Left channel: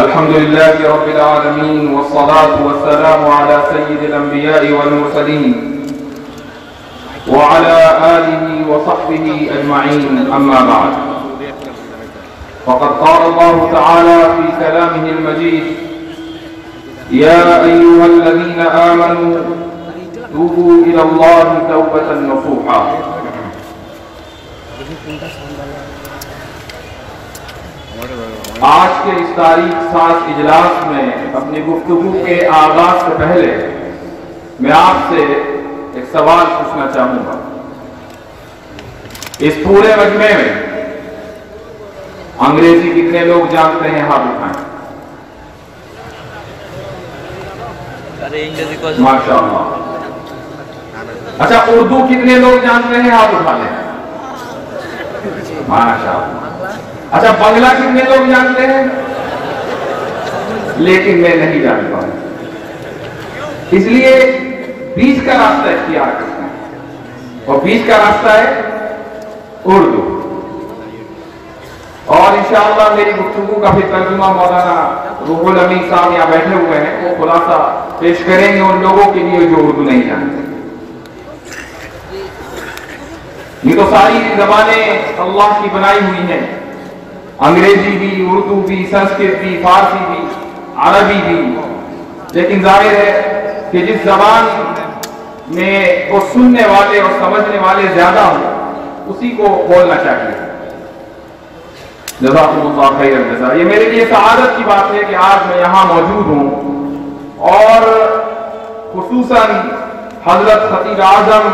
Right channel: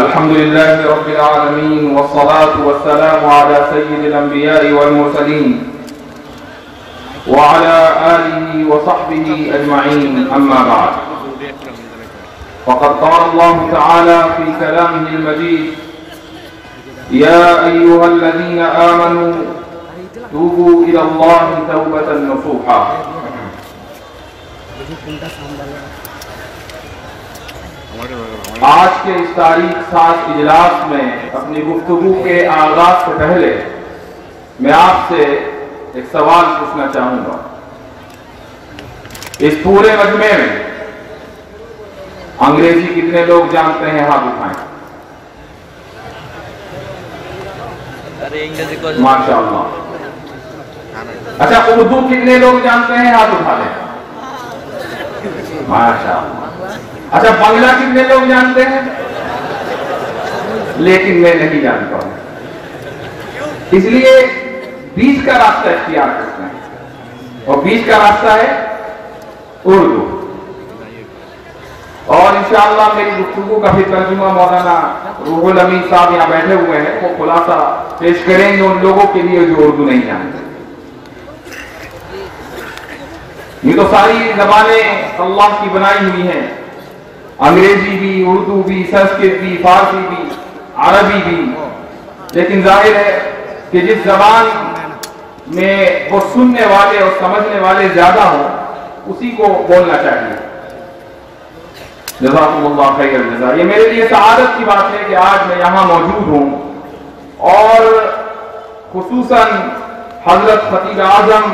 الحمد لله رب العالمين والصلاة والسلام على سيد الأنبياء والمرسلين وعلى آله وصحبه أجمعين أما بعد فقد قال الله تعالى في كلامه المجيد يا أيها الذين آمنوا توبوا إلى الله توبة نصوحا آج کے اس تاریخ ساز اجلاس میں اپنی گفتگو کے آغاز سے پہلے میں آپ سے ایک سوال پوچھنا چاہوں گا۔ اس پورے مجمع میں انگریزی کتنے لوگ جانتے ہیں؟ ہاتھ اٹھائیں۔ ماشاءاللہ۔ اچھا، اردو کتنے لوگ جانتے ہیں؟ ہاتھ اٹھا لیں۔ ماشاءاللہ۔ اچھا، بنگلہ کتنے لوگ جانتے ہیں؟ لیکن میں نہیں جانتا ہوں، اس لیے بیچ کا راستہ اختیار کرتے ہیں، اور بیچ کا راستہ ہے اردو۔ اور انشاءاللہ میری گفتگو کا بھی ترجمہ مولانا روح الامین صاحب یہاں بیٹھے ہوئے ہیں، وہ خلاصہ پیش کریں گے ان لوگوں کے لیے جو اردو نہیں جانتے۔ یہ تو ساری زبانیں اللہ کی بنائی ہوئی ہیں، انگریزی بھی، اردو بھی، سنسکرت بھی، فارسی بھی، عربی بھی، لیکن ظاہر ہے کہ جس زبان میں وہ سننے والے اور سمجھنے والے زیادہ ہوں اسی کو بولنا چاہیے۔ جزاکم اللہ خیر الجزا۔ یہ میرے لیے سعادت کی بات ہے کہ آج میں یہاں موجود ہوں، اور خصوصاً حضرت خطیب اعظم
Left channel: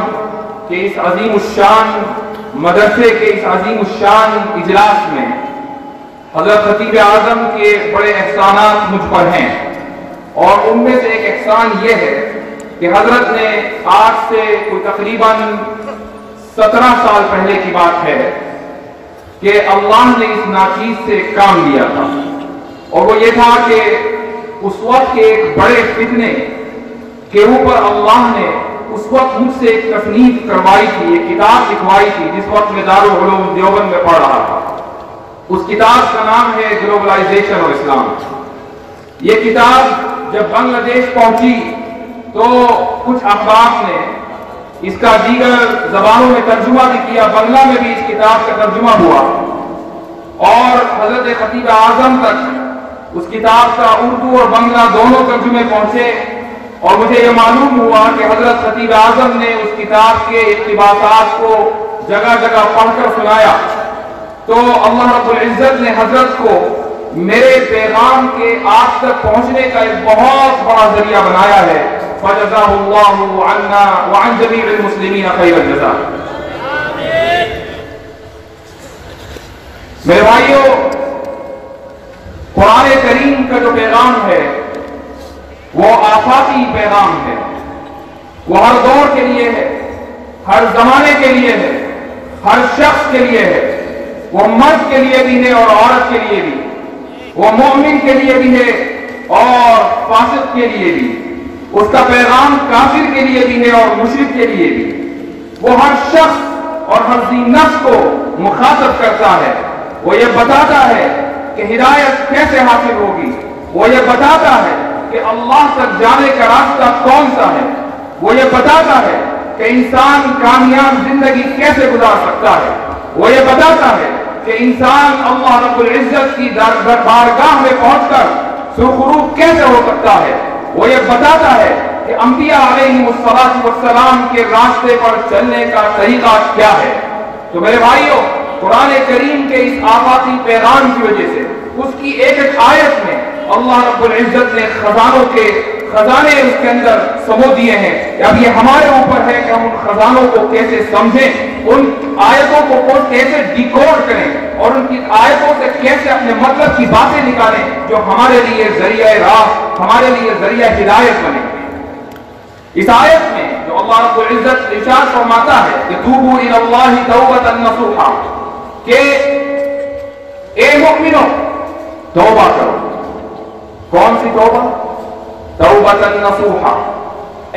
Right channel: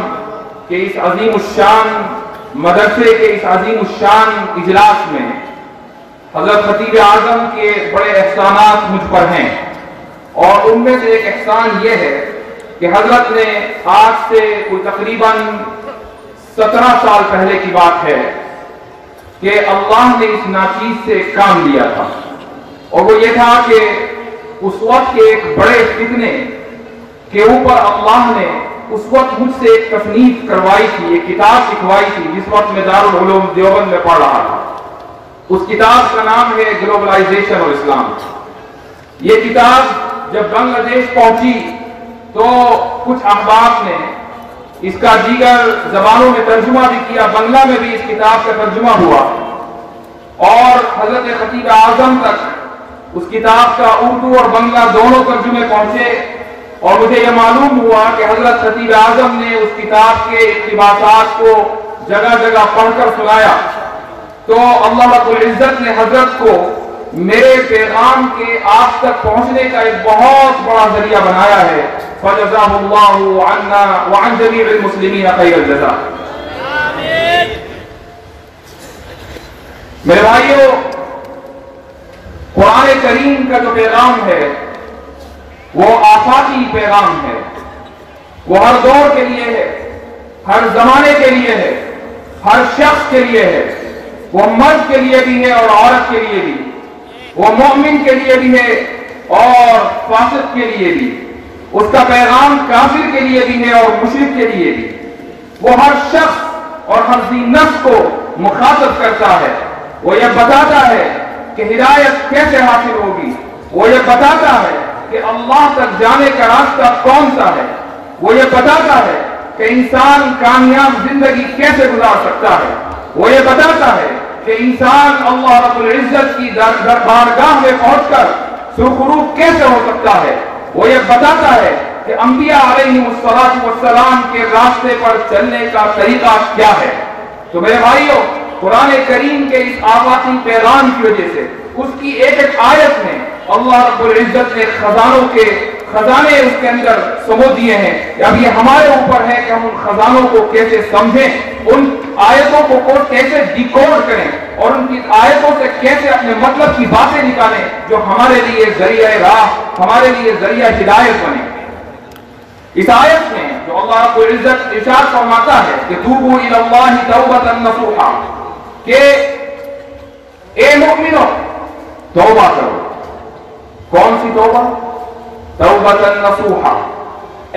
کے اس عظیم الشان مدرسے کے اس عظیم الشان اجلاس میں حضرت خطیب اعظم کے بڑے احسانات مجھ پر ہیں، اور ان میں سے ایک احسان یہ ہے کہ حضرت نے آج سے کوئی تقریباً 17 سال پہلے کی بات ہے کہ اللہ نے اس ناچیز سے کام لیا تھا، اور وہ یہ تھا کہ اس وقت کے ایک بڑے فتنے کے اوپر اللہ نے اس وقت مجھ سے ایک تصنیف کروائی تھی، ایک کتاب لکھوائی تھی، جس وقت میں دارالعلوم دیوبند میں پڑھ رہا تھا۔ اس کتاب کا نام ہے گلوبلائزیشن اور اسلام۔ یہ کتاب جب بنگلہ دیش پہنچی تو کچھ احباب نے اس کا دیگر زبانوں میں ترجمہ بھی کیا، بنگلہ میں بھی اس کتاب کا ترجمہ ہوا، اور حضرت خطیب اعظم تک اس کتاب کا اردو اور بنگلہ دونوں ترجمے پہنچے، اور مجھے یہ معلوم ہوا کہ حضرت خطیب اعظم نے اس کتاب کے اقتباسات کو جگہ جگہ پڑھ کر سنایا، تو اللہ رب العزت نے حضرت کو میرے پیغام کے آپ تک پہنچنے کا ایک بہت بڑا ذریعہ بنایا ہے۔ فجزاہ اللہ عنا وعن جمیع المسلمین خیر الجزا۔ میرے بھائیو، قرآن کریم کا جو پیغام ہے وہ آفاقی پیغام ہے، وہ ہر دور کے لیے ہے، ہر زمانے کے لیے ہے، ہر شخص کے لیے ہے، وہ مرد کے لیے بھی ہے اور عورت کے لیے بھی، وہ مومن کے لیے بھی ہے اور فاسق کے لیے بھی، اس کا پیغام کافر کے لیے بھی ہے اور مشرک کے لیے بھی۔ وہ ہر شخص اور ہر ذی نفس کو مخاطب کرتا ہے، وہ یہ بتاتا ہے کہ ہدایت کیسے حاصل ہوگی، وہ یہ بتاتا ہے کہ اللہ تک جانے کا راستہ کون سا ہے، وہ یہ بتاتا ہے کہ انسان کامیاب زندگی کیسے گزار سکتا ہے، وہ یہ بتاتا ہے کہ انسان اللہ رب العزت کی بارگاہ میں پہنچ کر سرخرو کیسے ہو سکتا ہے، وہ یہ بتاتا ہے کہ انبیاء علیہم السلام کے راستے پر چلنے کا طریقہ کیا ہے۔ تو میرے بھائیوں، قرآن کریم کے اس آفاقی پیغام کی وجہ سے اس کی ایک ایک آیت میں اللہ رب العزت نے خزانے اس کے اندر سمو دیے ہیں۔ اب یہ ہمارے اوپر ہے کہ ہم ان خزانوں کو کیسے سمجھیں، ان آیتوں کو کیسے ڈیکوڈ کریں، اور ان کی آیتوں سے کیسے اپنے مطلب کی باتیں نکالیں جو ہمارے لیے ذریعہ راہ، ہمارے لیے ذریعہ ہدایت بنے۔ اس آیت میں جو اللہ رب العزت ارشاد فرماتا ہے کہ توبوا الی اللہ توبۃ نصوحا، کہ اے مومنو توبہ کرو۔ کون سی توبہ؟ توبۃ نصوحا،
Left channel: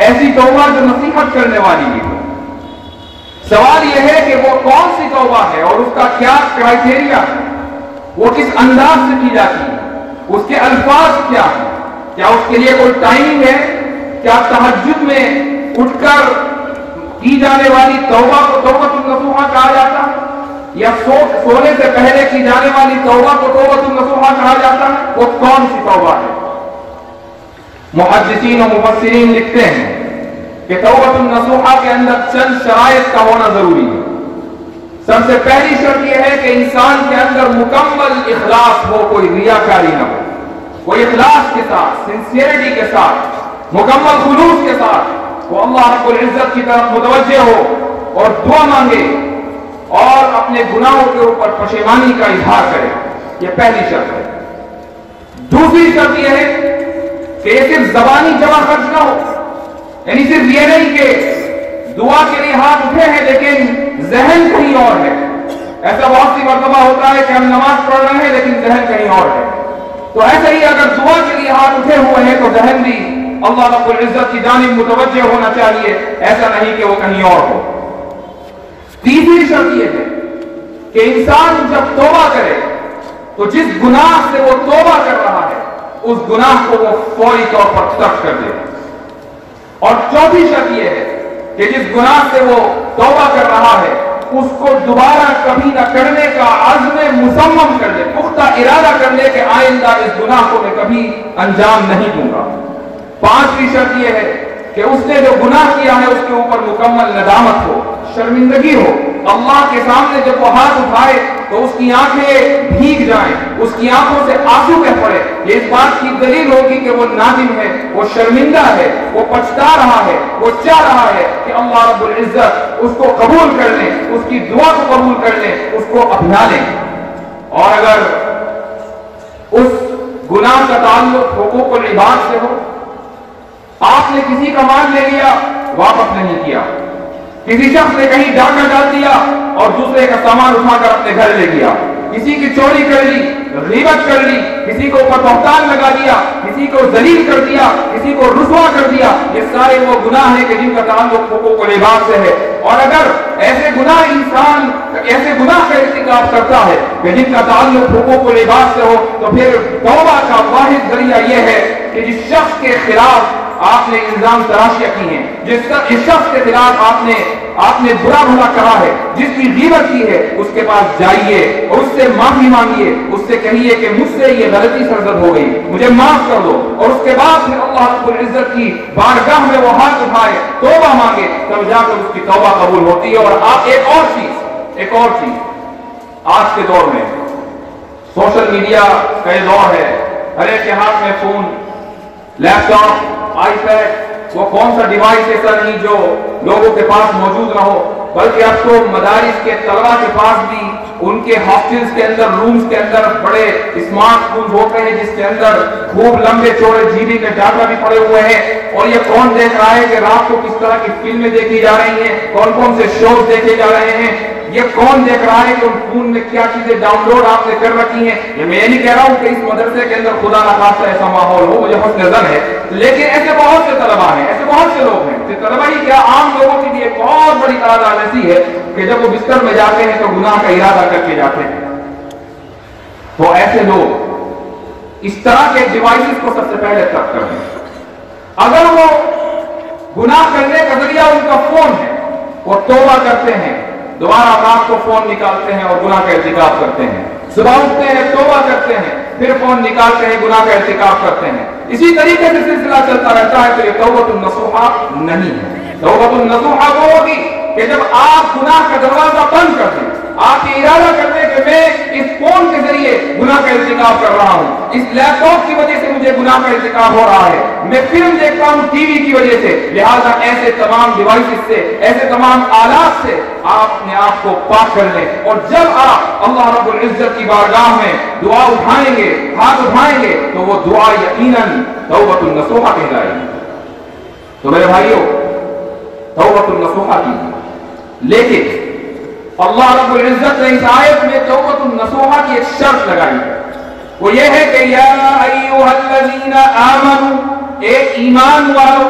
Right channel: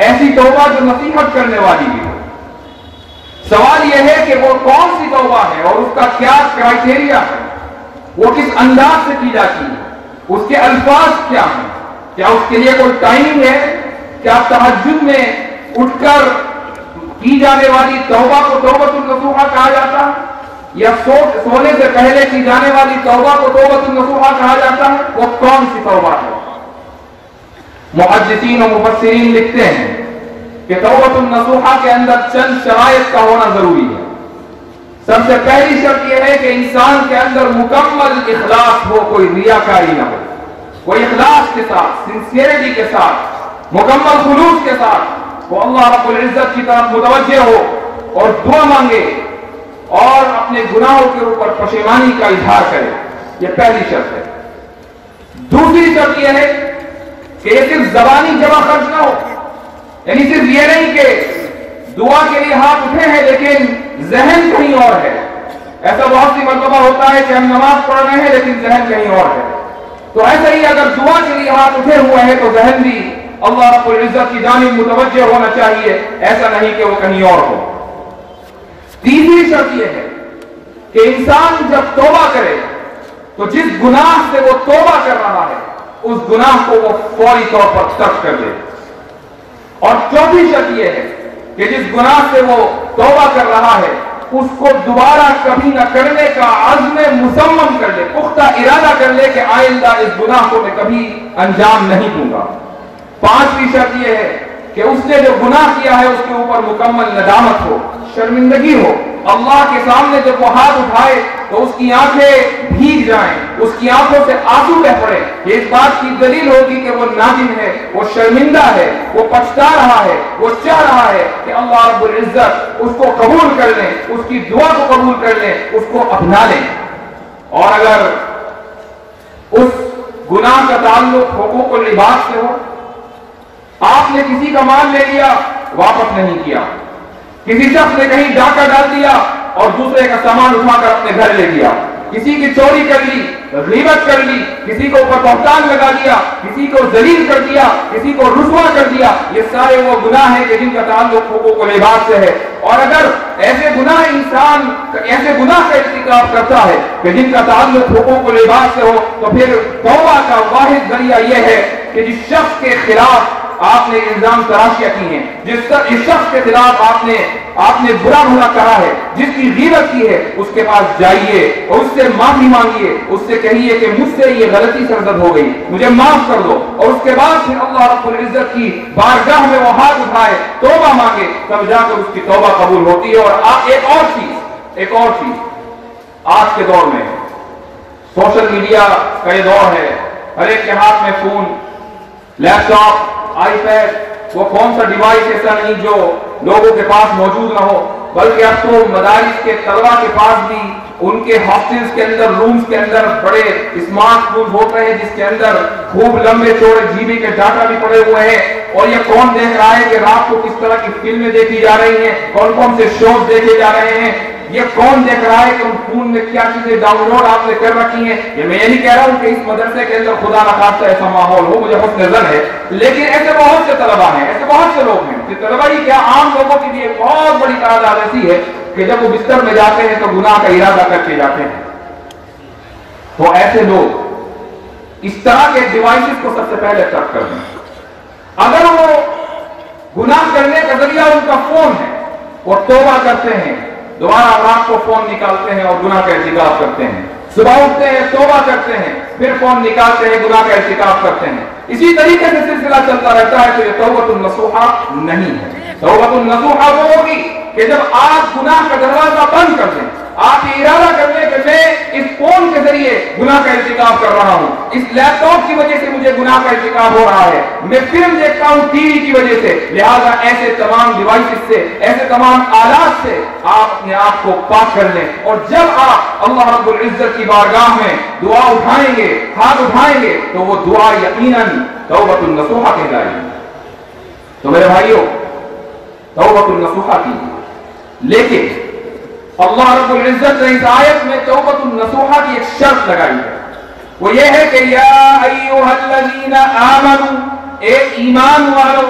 ایسی توبہ جو نصیحت کرنے والی بھی ہو۔ سوال یہ ہے کہ وہ کون سی توبہ ہے اور اس کا کیا کرائٹیریا ہے، وہ کس انداز سے کی جاتی ہے۔ اس کے الفاظ کیا ہیں؟ کیا اس کے لیے کوئی ٹائم ہے؟ کیا تہجد میں اٹھ کر کی جانے والی توبہ کو توبۃ النصوحہ کہا جاتا ہے؟ یا سونے سے پہلے کی جانے والی توبہ کو توبۃ النصوحہ کہا جاتا ہے؟ وہ کون سی توبہ ہے؟ محدثین و مفسرین لکھتے ہیں کہ توبۃ النصوحہ کے اندر چند شرائط کا ہونا ضروری ہے۔ سب سے پہلی شرط یہ ہے کہ انسان کے اندر مکمل اخلاص ہو، کوئی ریاکاری نہ ہو، کوئی اخلاص کے ساتھ، سنسیئرٹی کے ساتھ، مکمل خلوص کے ساتھ وہ اللہ رب العزت کی طرف متوجہ ہو اور دعا مانگے اور اپنے گناہوں کے اوپر پشیمانی کا اظہار کرے۔ یہ پہلی شرط ہے۔ دوسری شرط یہ ہے کہ یہ صرف زبانی جمع خرچ نہ ہو، یعنی صرف یہ نہیں کہ دعا کے لیے ہاتھ اٹھے ہیں لیکن ذہن کہیں اور ہے۔ ایسا بہت سی مرتبہ ہوتا ہے کہ ہم نماز پڑھ رہے ہیں لیکن ذہن کہیں اور ہے۔ تو ایسا ہی اگر دعا کے لیے ہاتھ اٹھے ہوئے ہیں تو ذہن بھی اللہ رب العزت کی جانب متوجہ ہونا چاہیے، ایسا نہیں کہ وہ کہیں اور ہو۔ تیسری شرط یہ ہے کہ انسان جب توبہ کرے تو جس گناہ سے وہ توبہ کر رہا ہے اس گناہ کو وہ فوری طور پر ترک کر دے۔ اور چوتھی شرط یہ ہے کہ جس گناہ سے وہ توبہ کر رہا ہے اس کو دوبارہ کبھی نہ کرنے کا عزم مصمم کر لے، پختہ ارادہ کر لے کہ آئندہ اس گناہ کو میں کبھی انجام نہیں دوں گا۔ پانچویں شرط یہ ہے کہ اس نے جو گناہ کیا ہے اس کے اوپر مکمل ندامت ہو، شرمندگی ہو، اللہ کے سامنے جب وہ ہاتھ اٹھائے تو اس کی آنکھیں بھیگ جائیں، اس کی آنکھوں سے آنسو بہ پڑے۔ یہ اس بات کی دلیل ہوگی کہ وہ نادم ہے، وہ شرمندہ ہے، وہ پچھتا رہا ہے، وہ چاہ رہا ہے کہ اللہ رب العزت اس کو قبول کر لیں، اس کی دعا کو قبول کر لیں، اس کو اپنا لیں۔ اور اگر اس گناہ کا تعلق حقوق العباد سے ہو، آپ نے کسی کا مال لے لیا، واپس نہیں کیا، کسی شخص نے کہیں ڈاکہ ڈال دیا اور دوسرے کا سامان اٹھا کر اپنے گھر لے گیا، کسی کی چوری کر لی، غیبت کر لی، کسی کو اوپر بہتان لگا دیا، کسی کو ذلیل کر دیا، کسی کو رسوا کر دیا، یہ سارے وہ گناہ ہیں کہ جن کا تعلق حقوق العباد سے ہے۔ اور اگر ایسے گناہ انسان ایسے گناہ کا ارتکاب کرتا ہے کہ جن کا تعلق حقوق العباد سے ہو تو پھر توبہ کا واحد ذریعہ یہ ہے کہ جس شخص کے خلاف آپ نے الزام تراشیاں کی ہیں، جس شخص کے خلاف آپ نے برا بھلا کہا ہے، جس کی غیبت کی ہے، اس کے پاس جائیے اور اس سے معافی مانگیے، اس سے کہیے کہ مجھ سے یہ غلطی سرزد ہو گئی، مجھے معاف کر دو، اور اس کے بعد پھر اللہ رب العزت کی بارگاہ میں وہ ہاتھ اٹھائے، توبہ مانگے، تب جا کر اس کی توبہ قبول ہوتی ہے۔ اور آپ ایک اور چیز آج کے دور میں سوشل میڈیا کا یہ دور ہے، ہر ایک کے ہاتھ میں phone, laptop, iPad, وہ کون سا ڈیوائس ایسا نہیں جو لوگوں کے پاس موجود نہ ہو، بلکہ اب تو مدارس کے طلبہ کے پاس بھی ان کے ہاسٹلز کے اندر، رومز کے اندر بڑے اسمارٹ فون ہوتے ہیں جس کے اندر خوب لمبے چوڑے جی بی کے ڈاٹا بھی پڑے ہوئے ہیں۔ اور یہ کون دیکھ رہا ہے کہ رات کو کس طرح کی فلمیں دیکھی جا رہی ہیں، کون کون سے شوز دیکھے جا رہے ہیں، یہ کون دیکھ رہا ہے کہ ان فون میں کیا چیزیں ڈاؤن لوڈ آپ نے کر رکھی ہیں۔ یہ میں یہ نہیں کہہ رہا ہوں کہ اس مدرسے کے اندر خدا نخواستہ ایسا ماحول ہو، مجھے حسن ظن ہے، لیکن ایسے بہت سے طلبہ ہیں، ایسے بہت سے لوگ ہیں کہ طلبہ ہی کیا عام لوگوں کی بھی ایک بہت بڑی تعداد ایسی ہے کہ جب وہ بستر میں جاتے ہیں تو گناہ کا ارادہ کر کے جاتے ہیں۔ تو ایسے لوگ اس طرح کے ڈیوائسز کو سب سے پہلے ترک کر دیں۔ اگر وہ گناہ کرنے کا ذریعہ ان کا فون ہے، وہ توبہ کرتے ہیں، دوبارہ رات کو فون نکالتے ہیں اور گناہ کا ارتکاب کرتے ہیں، صبح اٹھتے ہیں، توبہ کرتے ہیں، پھر فون نکالتے ہیں، گناہ کا ارتکاب کرتے ہیں، اسی طریقے سے سلسلہ چلتا رہتا ہے، تو یہ توبۃ النصوحہ نہیں ہے۔ توبۃ النصوحہ وہ ہوگی کہ جب آپ گناہ کا دروازہ بند کر دیں، آپ یہ ارادہ کر دیں کہ میں اس فون کے ذریعے گناہ کا ارتکاب کر رہا ہوں، اس لیپ ٹاپ کی وجہ سے مجھے گناہ کا ارتکاب ہو رہا ہے، میں فلم دیکھتا ہوں ٹی وی کی وجہ سے، لہذا ایسے تمام ڈیوائسز سے، ایسے تمام آلات سے آپ اپنے آپ کو پاک کر لیں۔ اور جب آپ اللہ رب العزت کی بارگاہ میں دعا اٹھائیں گے، ہاتھ اٹھائیں گے، تو وہ دعا یقیناً توبۃ النصوحہ کہلائے گی۔ تو میرے بھائیوں، توبۃ النصوحہ کی، لیکن اللہ رب العزت نے اس آیت میں توبۃ النصوحہ کی ایک شرط لگائی ہے، وہ یہ ہے کہ یا ایھا الذین آمنوا، اے ایمان والو،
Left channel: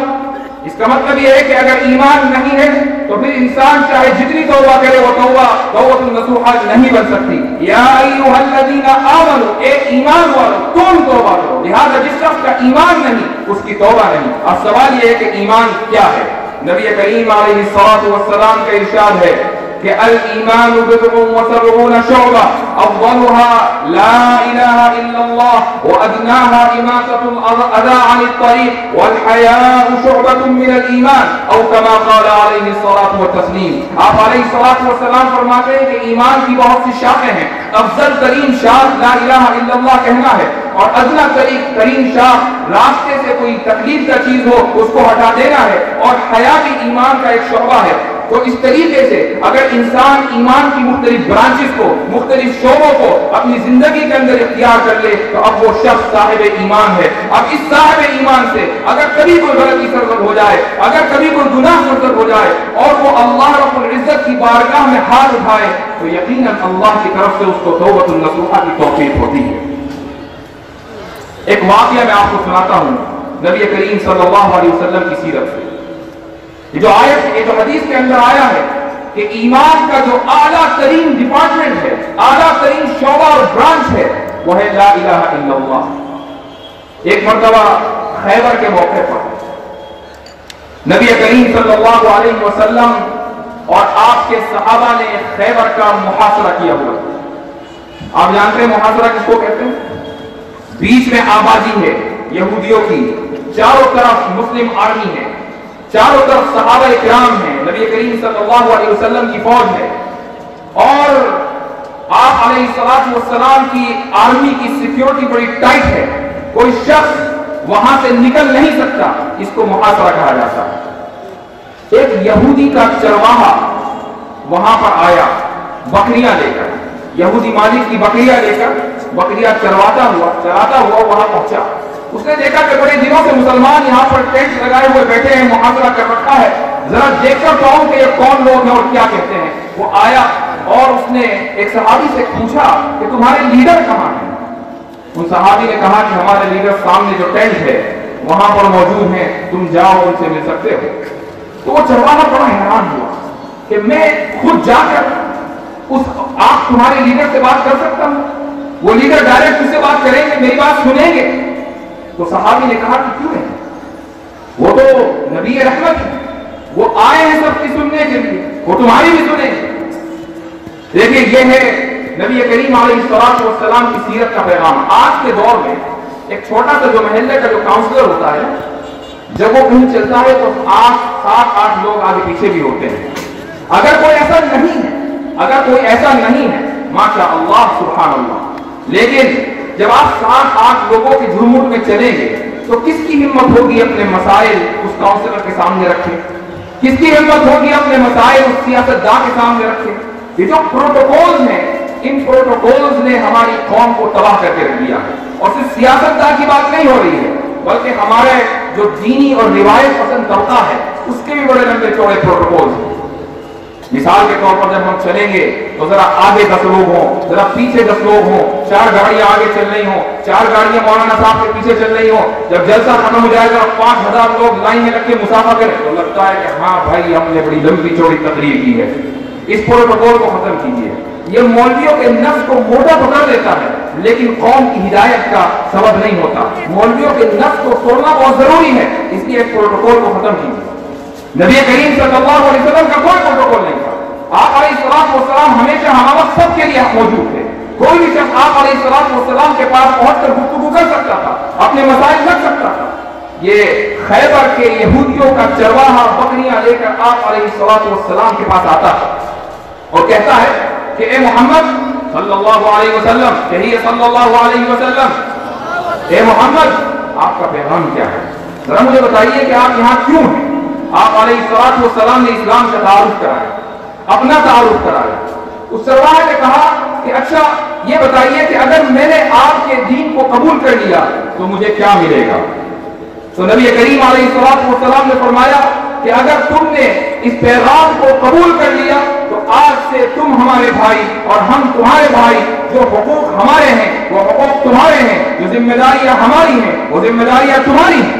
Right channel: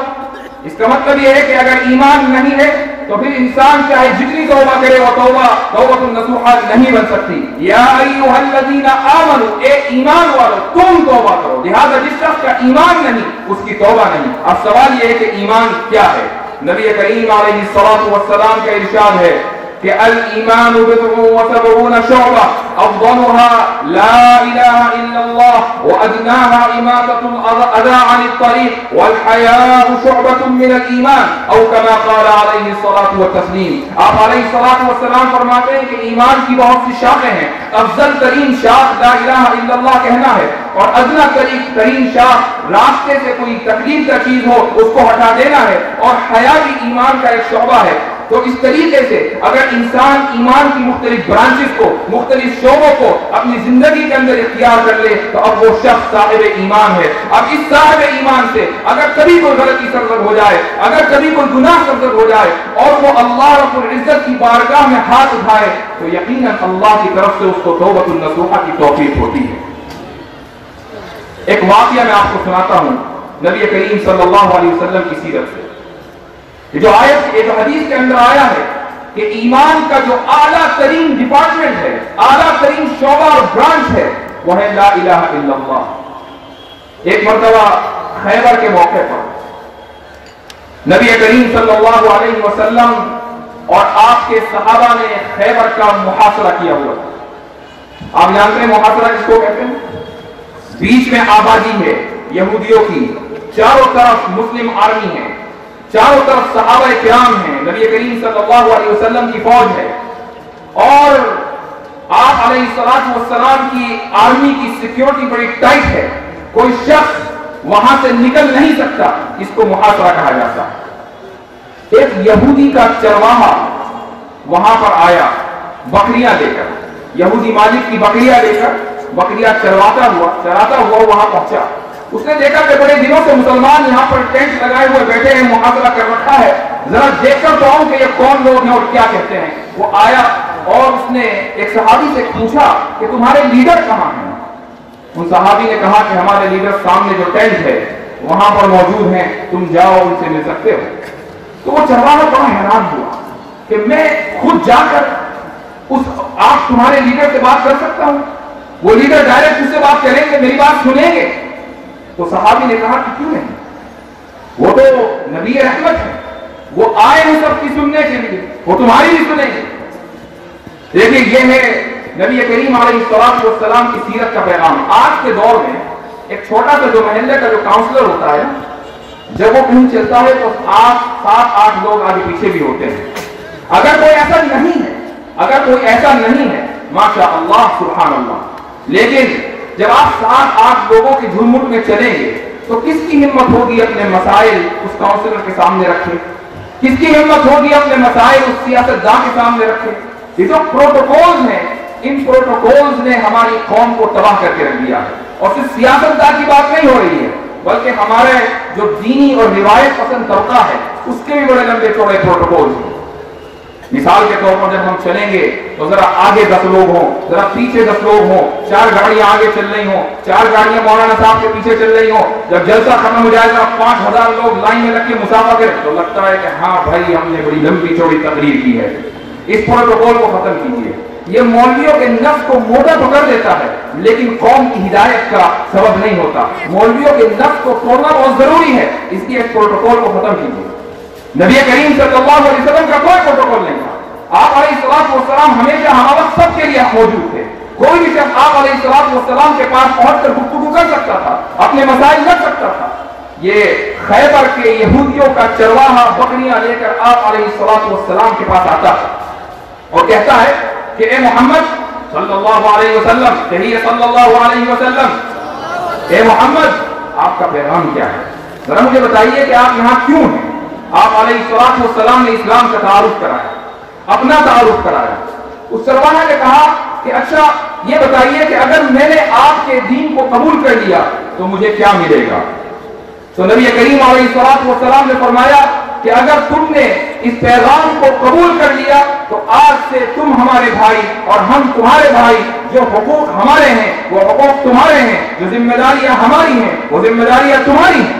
اس کا مطلب یہ ہے کہ اگر ایمان نہیں ہے تو پھر انسان چاہے جتنی توبہ کرے وہ توبۃ نصوحہ نہیں بن سکتی۔ یا ایھا الذین آمنوا، اے ایمان والو تم توبہ کرو۔ لہذا جس شخص کا ایمان نہیں اس کی توبہ نہیں۔ اب سوال یہ ہے کہ ایمان کیا ہے؟ نبی کریم علیہ الصلوۃ والسلام کا ارشاد ہے کہ الایمان بضع وسبعون شعبہ افضلها لا الہ الا اللہ وادناها اماطة الاذى عن الطریق والحیاء شعبۃ من الایمان او کما قال علیہ الصلاۃ والتسلیم۔ آپ علیہ الصلاۃ والسلام فرماتے ہیں کہ ایمان کی بہت سی شاخیں ہیں، افضل ترین شاخ لا الہ الا اللہ کہنا ہے، اور ادنا ترین شاخ راستے سے کوئی تکلیف کا چیز ہو اس کو ہٹا دینا ہے، اور حیا بھی ایمان کا ایک شعبہ ہے۔ تو اس طریقے سے اگر انسان ایمان کی مختلف برانچز کو، مختلف شعبوں کو اپنی زندگی کے اندر اختیار کر لے تو اب وہ شخص صاحب ایمان ہے۔ اب اس صاحب ایمان سے اگر کبھی کوئی غلطی سرزد ہو جائے، اگر کبھی کوئی گناہ سرزد ہو جائے اور وہ اللہ رب العزت کی بارگاہ میں ہاتھ اٹھائے تو یقیناً اللہ کی طرف سے اس کو توبۃ النصوحہ کی توفیق ہوتی ہے۔ ایک واقعہ میں آپ کو سناتا ہوں نبی کریم صلی اللہ علیہ وسلم کی سیرت سے۔ یہ جو آیت، یہ جو حدیث کے اندر آیا ہے کہ ایمان کا جو اعلیٰ ترین ڈپارٹمنٹ ہے، اعلیٰ ترین شعبہ اور برانچ ہے وہ ہے لا الہ الا اللہ۔ ایک مرتبہ خیبر کے موقع پر نبی کریم صلی اللہ علیہ وسلم اور آپ کے صحابہ نے خیبر کا محاصرہ کیا ہوا۔ آپ جانتے ہیں محاصرہ کس کو کہتے ہیں؟ بیچ میں آبادی ہے یہودیوں کی، چاروں طرف مسلم آرمی ہے، چاروں طرف صحابہ کرام ہیں، نبی کریم صلی اللہ علیہ وسلم کی فوج ہے، اور آپ علیہ السلام کی آرمی کی سیکیورٹی بڑی ٹائٹ ہے، کوئی شخص وہاں سے نکل نہیں سکتا، اس کو محاصرہ کہا جاتا ہے۔ ایک یہودی کا چرواہا وہاں پر آیا بکریاں لے کر، یہودی مالک کی بکریاں لے کر، بکریاں چراتا ہوا وہاں پہنچا۔ اس نے دیکھا کہ بڑے دنوں سے مسلمان یہاں پر ٹینٹ لگائے ہوئے بیٹھے ہیں، محاصرہ کر رکھا ہے، ذرا دیکھ کر جاؤں کہ یہ کون لوگ ہیں اور کیا کہتے ہیں۔ وہ آیا اور اس نے ایک صحابی سے پوچھا کہ تمہارے لیڈر کہاں ہیں؟ ان صحابی نے کہا کہ ہمارے لیڈر سامنے جو ٹینٹ ہے وہاں پر موجود ہیں، تم جاؤ ان سے مل سکتے ہو۔ تو وہ چرواہا بڑا حیران ہوا کہ میں خود جا کر آپ تمہارے لیڈر سے بات کر سکتا ہوں؟ وہ لیڈر ڈائریکٹ اس سے بات کریں گے، میری بات سنیں گے؟ تو صحابی نے کہا کہ کیوں نہیں، وہ تو نبی رحمت ہے، وہ آئے ہیں سب کی سننے کے لیے، وہ تمہاری بھی سنیں گے۔ دیکھیں یہ ہے نبی کریم علیہ السلام کی سیرت کا پیغام۔ آج کے دور میں ایک چھوٹا سا جو محلے کا جو کاؤنسلر ہوتا ہے، جب وہ کہیں چلتا ہے تو 7-8 لوگ آگے پیچھے بھی ہوتے ہیں۔ اگر کوئی ایسا نہیں ہے ماشاء اللہ سبحان اللہ، لیکن جب آپ 7-8 لوگوں کے جھرمٹ میں چلیں گے تو کس کی ہمت ہوگی اپنے مسائل اس کاؤنسلر کے سامنے رکھے؟ کس کی ہمت ہوگی اپنے مسائل اس سیاستداں کے سامنے رکھے؟ یہ جو پروٹوکولز ہیں، ان پروٹوکولز نے ہماری قوم کو تباہ کر کے رکھ دیا ہے، اور صرف سیاستداں کی بات نہیں ہو رہی ہے بلکہ ہمارے جو دینی اور روایت پسند طبقہ ہے اس کے بھی بڑے لمبے چوڑے پروٹوکولز ہیں۔ مثال کے طور پر جب ہم چلیں گے تو ذرا آگے 10 لوگ ہوں، ذرا پیچھے 10 لوگ ہوں، 4 گاڑیاں آگے چل رہی ہوں، 4 گاڑیاں مولانا صاحب کے پیچھے چل رہی ہوں۔ جب جلسہ ختم ہو جائے گا 5000 لوگ لائن میں لگ کے مسافہ کریں تو لگتا ہے کہ ہاں بھائی ہم نے بڑی لمبی چوڑی تقریر کی ہے۔ اس پروٹوکول کو ختم کیجیے۔ یہ مولویوں کے نفس کو موٹا پکڑ لیتا ہے لیکن قوم کی ہدایت کا سبب نہیں ہوتا۔ مولویوں کے نفس کو توڑنا بہت ضروری ہے، اس لیے اس پروٹوکول کو ختم کیجیے۔ نبی کریم صلی اللہ علیہ وسلم کا کوئی پروٹوکول نہیں تھا۔ آپ علیہ السلام ہمیشہ ہر وقت سب کے لیے موجود تھے۔ کوئی بھی شخص آپ علیہ السلام کے پاس پہنچ کر گفتگو کر سکتا تھا، اپنے مسائل رکھ سکتا تھا۔ یہ خیبر کے یہودیوں کا چرواہا بکریاں لے کر آپ علیہ السلام کے پاس آتا ہے اور کہتا ہے کہ اے محمد صلی اللہ علیہ وسلم، کہیے صلی اللہ علیہ وسلم، اے محمد آپ کا پیغام کیا ہے؟ ذرا مجھے بتائیے کہ آپ یہاں کیوں ہیں؟ آپ علیہ السلام نے اسلام کا تعارف کرایا، اپنا تعارف کرایا۔ اس چرواہے نے کہا کہ اچھا یہ بتائیے کہ اگر میں نے آپ کے دین کو قبول کر لیا تو مجھے کیا ملے گا؟ تو نبی کریم علیہ السلام نے فرمایا کہ اگر تم نے اس پیغام کو قبول کر لیا تو آج سے تم ہمارے بھائی اور ہم تمہارے بھائی، جو حقوق ہمارے ہیں وہ حقوق تمہارے ہیں، جو ذمہ داریاں ہماری ہیں وہ ذمہ داریاں تمہاری ہیں۔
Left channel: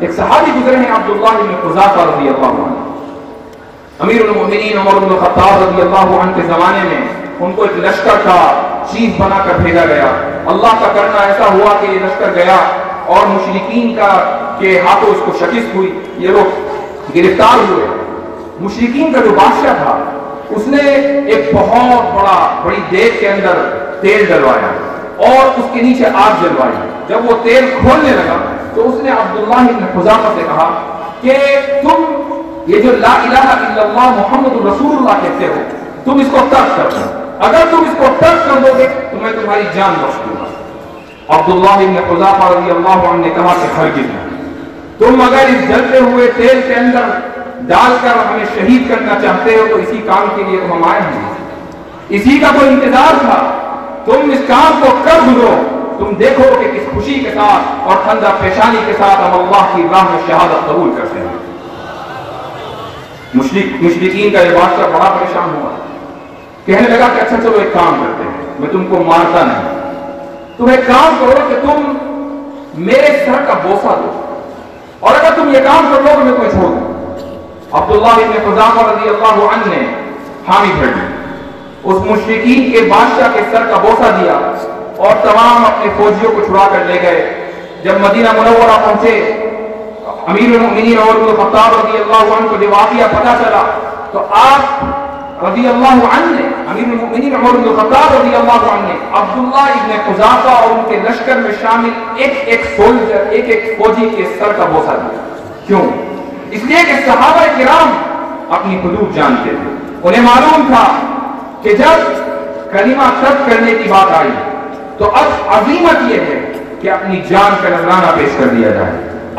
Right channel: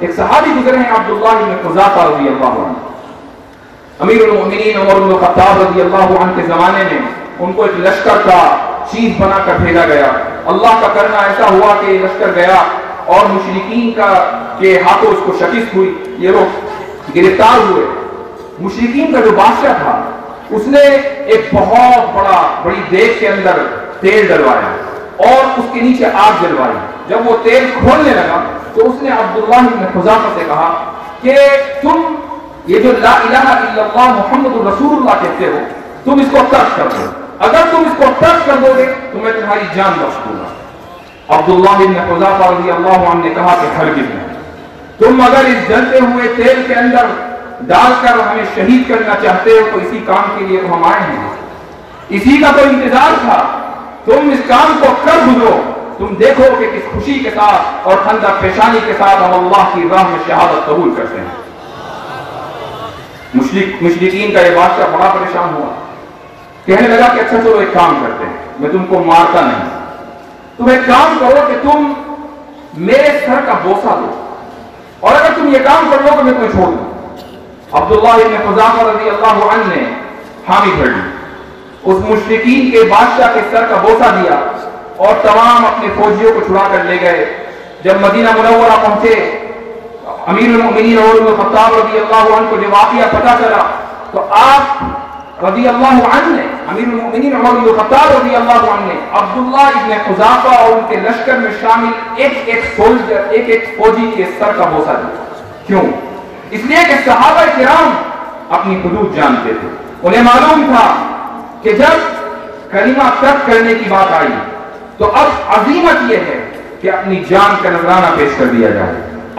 ایک صحابی گزرے ہیں عبداللہ بن حذافہ رضی اللہ عنہ. امیر المؤمنین عمر بن الخطاب رضی اللہ عنہ کے زمانے میں ان کو ایک لشکر کا چیف بنا کر بھیجا گیا. اللہ کا کرنا ایسا ہوا کہ یہ لشکر گیا اور مشرکین کے ہاتھوں اس کو شکست ہوئی. یہ لوگ گرفتار ہوئے. مشرکین کا جو بادشاہ تھا اس نے ایک بہت بڑی دیگ کے اندر تیل ڈلوایا اور اس کے نیچے آگ جلوائی. جب وہ تیل کھولنے لگا تو اس نے عبداللہ بن حذافہ سے کہا کہ تم یہ جو لا الہ الا اللہ محمد رسول اللہ کہتے ہو تم اس کو ترک کر دو. اگر تم اس کو ترک کر دو گے تو میں تمہاری جان بخش دوں گا. عبداللہ بن حذافہ رضی اللہ عنہ نے کہا کہ ہرگز نہیں. تم اگر اس جلتے ہوئے تیل کے اندر ڈال کر ہمیں شہید کرنا چاہتے ہو تو اسی کام کے لیے تو ہم آئے ہیں, اسی کا تو انتظار تھا. تم اس کام کو کر دو, تم دیکھو کہ کس خوشی کے ساتھ اور ٹھنڈا پیشانی کے ساتھ ہم اللہ کی راہ میں شہادت قبول کرتے ہیں. مشرکین کا یہ بادشاہ بڑا پریشان ہوا. کہنے لگا کہ اچھا چلو ایک کام کرتے ہیں, میں تم کو مارتا نہیں, تم ایک کام کرو کہ تم میرے سر کا بوسہ دو اور اگر تم یہ کام کر لو تو میں تمہیں چھوڑ دوں. عبداللہ بن حذافہ رضی اللہ عنہ نے حامی بھر لی, اس مشرکین کے بادشاہ کے سر کا بوسہ دیا اور تمام اپنے فوجیوں کو چھڑا کر لے گئے. جب مدینہ منورہ پہنچے امیر المؤمنین عمر بن الخطاب رضی اللہ عنہ کو جب واقعہ پتہ چلا تو آپ رضی اللہ عنہ نے امیر المؤمنین عمر بن الخطاب رضی اللہ عنہ نے عبداللہ ابن حذافہ اور ان کے لشکر میں شامل ایک فوجی کے سر کا بوسہ دیا. کیوں؟ اس لیے کہ صحابہ کرام اپنی حدود جانتے تھے. انہیں معلوم تھا کہ جب کلمہ ترک کرنے کی بات آئی تو اب عزیمت یہ ہے کہ اپنی جان کا نذرانہ پیش کر دیا جائے.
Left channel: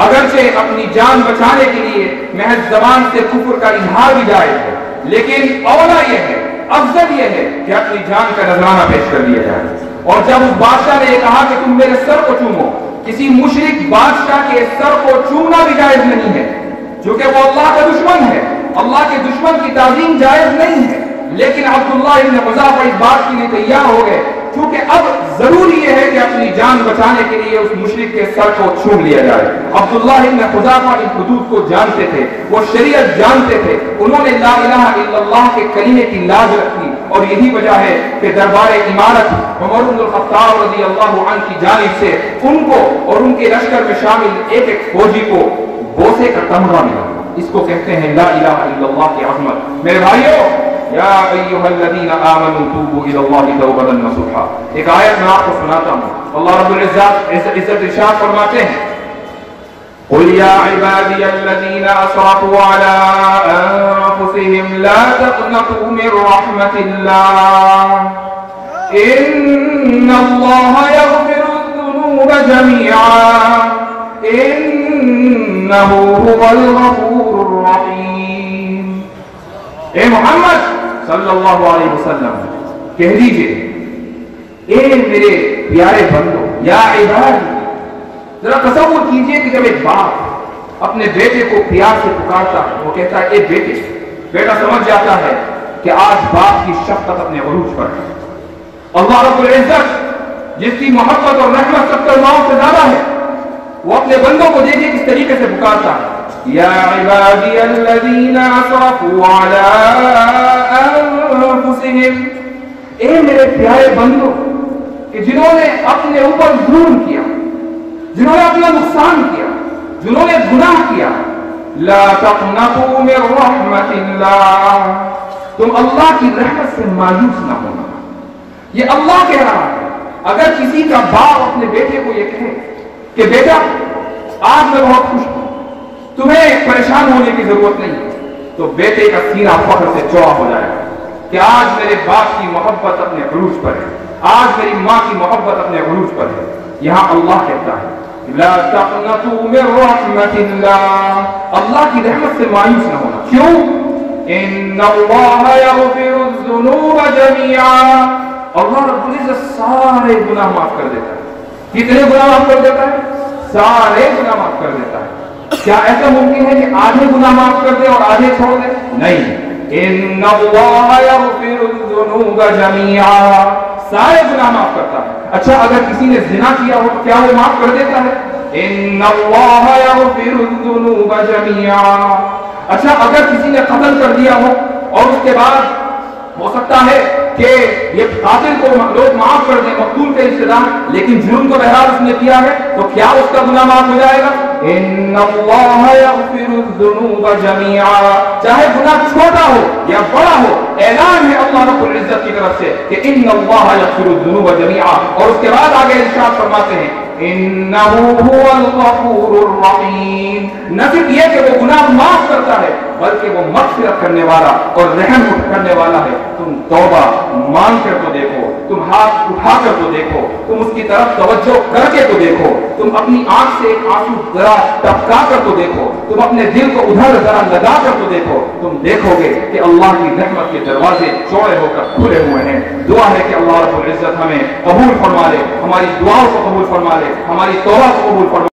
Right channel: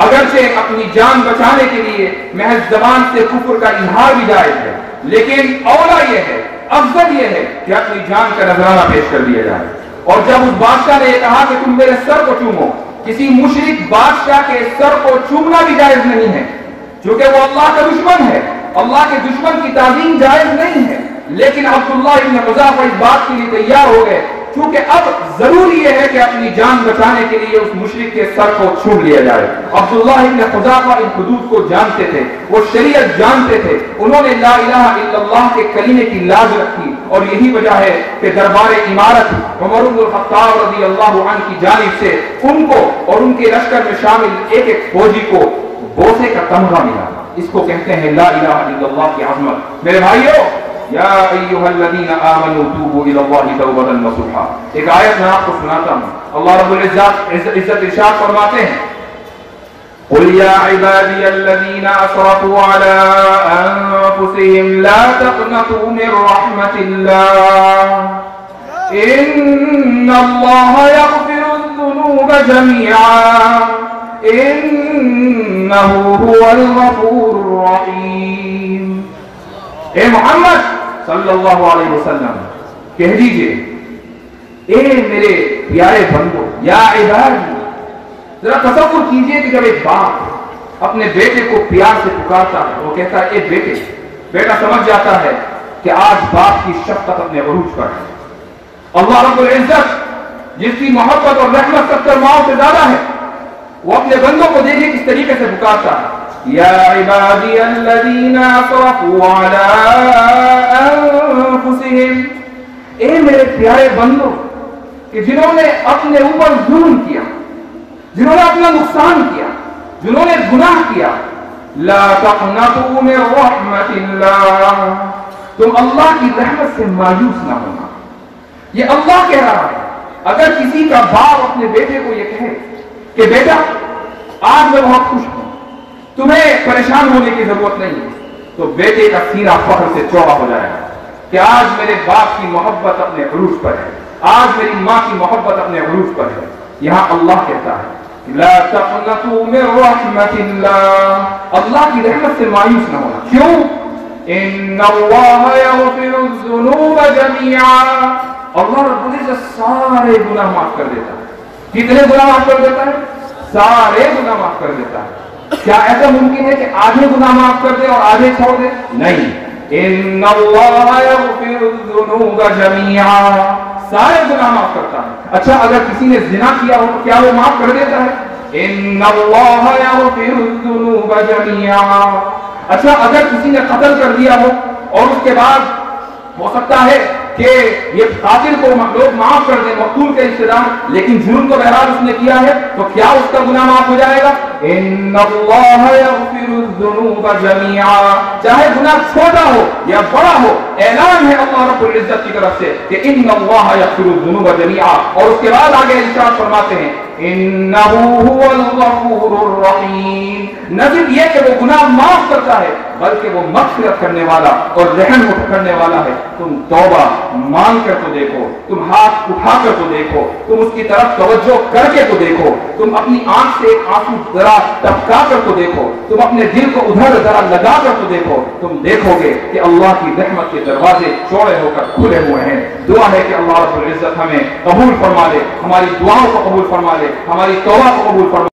اگرچہ اپنی جان بچانے کے لیے محض زبان سے کفر کا اظہار بھی جائز ہے, لیکن اولا یہ ہے, افضل یہ ہے کہ اپنی جان کا نذرانہ پیش کر دیا جائے. اور جب اس بادشاہ نے یہ کہا کہ تم میرے سر کو چومو, کسی مشرک بادشاہ کے سر کو چومنا بھی جائز نہیں ہے کیونکہ وہ اللہ کا دشمن ہے. اللہ کے دشمن کی تعظیم جائز نہیں ہے. لیکن عبداللہ ابن حذافہ اس بات کے لیے تیار ہو گئے کیونکہ اب ضروری یہ ہے کہ اپنی جان بچانے کے لیے اس مشرک کے سر کو چھوم لیا جائے. عبداللہ ابن حذافہ ان حدود کو جانتے تھے, وہ شریعت جانتے تھے. انہوں نے لا الہ الا اللہ کے کلمے کی لاج رکھی اور یہی وجہ ہے کہ دربار امارت عمر بن الخطاب رضی اللہ عنہ کی جانب سے ان کو اور ان کے لشکر میں شامل ایک فوجی کو بوسے کا تمغہ ملا. اس کو کہتے ہیں لا الہ الا اللہ کی عظمت. میرے بھائیو, یا ایھا الذین آمنوا توبوا الی اللہ توبۃ نصوحا. ایک آیت میں آپ کو سناتا ہوں. اللہ رب العزت ارشاد فرماتے ہیں قل یا عبادی الذین اسرفوا علی انفسهم لا تقنطوا من رحمت اللہ ان اللہ یغفر الذنوب جميعا انہ هو الغفور الرحیم. اے محمد صلی اللہ علیہ وسلم کہہ دیجئے, اے میرے پیارے بندو, یا عبادی. ذرا تصور کیجئے کہ جب ایک باپ اپنے بیٹے کو پیار سے پکارتا ہے, وہ کہتا ہے اے بیٹے. بیٹا سمجھ جاتا ہے کہ آج باپ کی شفقت اپنے عروج پر ہے. اللہ رب العزت جس کی محبت اور رحمت 70 ماؤں سے زیادہ ہے, وہ اپنے بندوں کو دیکھیں کس طریقے سے پکارتا ہے. یا عبادی الذین اسرفوا علی انفسهم, اے میرے پیارے بندوں کہ جنہوں نے اپنے اوپر ظلم کیا, جنہوں نے اپنا نقصان کیا, جنہوں نے گناہ کیا, لا تقنطوا من رحمت اللہ, تم اللہ کی رحمت سے مایوس نہ ہونا. یہ اللہ کہہ رہا ہے. اگر کسی کا باپ اپنے بیٹے کو یہ کہے کہ بیٹا آج میں بہت خوش ہوں, تمہیں پریشان ہونے کی ضرورت نہیں ہے, تو بیٹے کا سینہ فخر سے چوڑا ہو جائے کہ آج میرے باپ کی محبت اپنے عروج پر ہے, آج میری ماں کی محبت اپنے عروج پر ہے. یہاں اللہ کہتا ہے لا تقنطوا من رحمت اللہ, اللہ کی رحمت سے مایوس نہ ہونا. کیوں؟ ان اللہ یغفر الذنوب جميعا, اللہ رب العزت سارے گناہ معاف کر دیتا ہے. کتنے گناہ معاف کر دیتا ہے؟ سارے گناہ معاف کر دیتا ہے. کیا ایسا ممکن ہے کہ آدھے گناہ معاف کر دے اور آدھے چھوڑ دے؟ نہیں. ان اللہ یغفر الذنوب جميعا, سارے گناہ معاف کرتا ہے. اچھا اگر کسی نے زنا کیا ہو کیا وہ معاف کر دیتا ہے؟ ان اللہ یغفر الذنوب جميعا۔ اچھا اگر کسی نے قتل کر دیا ہو اور اس کے بعد ہو سکتا ہے کہ یہ قاتل کو لوگ معاف کر دیں، مقتول کے رشتہ دار، لیکن جرم تو بہرحال اس نے کیا ہے، تو کیا اس کا گناہ معاف ہو جائے گا؟ ان اللہ یغفر الذنوب جميعا، چاہے گناہ چھوٹا ہو یا بڑا ہو، اعلان ہے اللہ رب العزت کی طرف سے کہ ان اللہ یغفر الذنوب جميعا، اور اس کے بعد آگے ارشاد فرماتے ہیں انہ هو الغفور الرحیم، نہ صرف یہ کہ وہ گناہ معاف کرتا ہے بلکہ وہ مغفرت کرنے والا اور رحم کرنے والا ہے۔ تم توبہ مان کر تو دیکھو، تم ہاتھ اٹھا کر تو دیکھو، تم اس کی طرف توجہ کر کے تو دیکھو، تم اپنی آنکھ سے ایک آنسو ذرا ٹپکا کر تو دیکھو، تم اپنے دل کو ادھر ذرا لگا کر تو دیکھو، تم دیکھو گے کہ اللہ کی رحمت کے دروازے چوڑے ہو کر کھلے ہوئے ہیں۔ دعا ہے کہ اللہ رب العزت ہمیں قبول فرما لے، ہماری دعاؤں کو قبول فرما لے، ہماری توبہ کو قبول فرما لے۔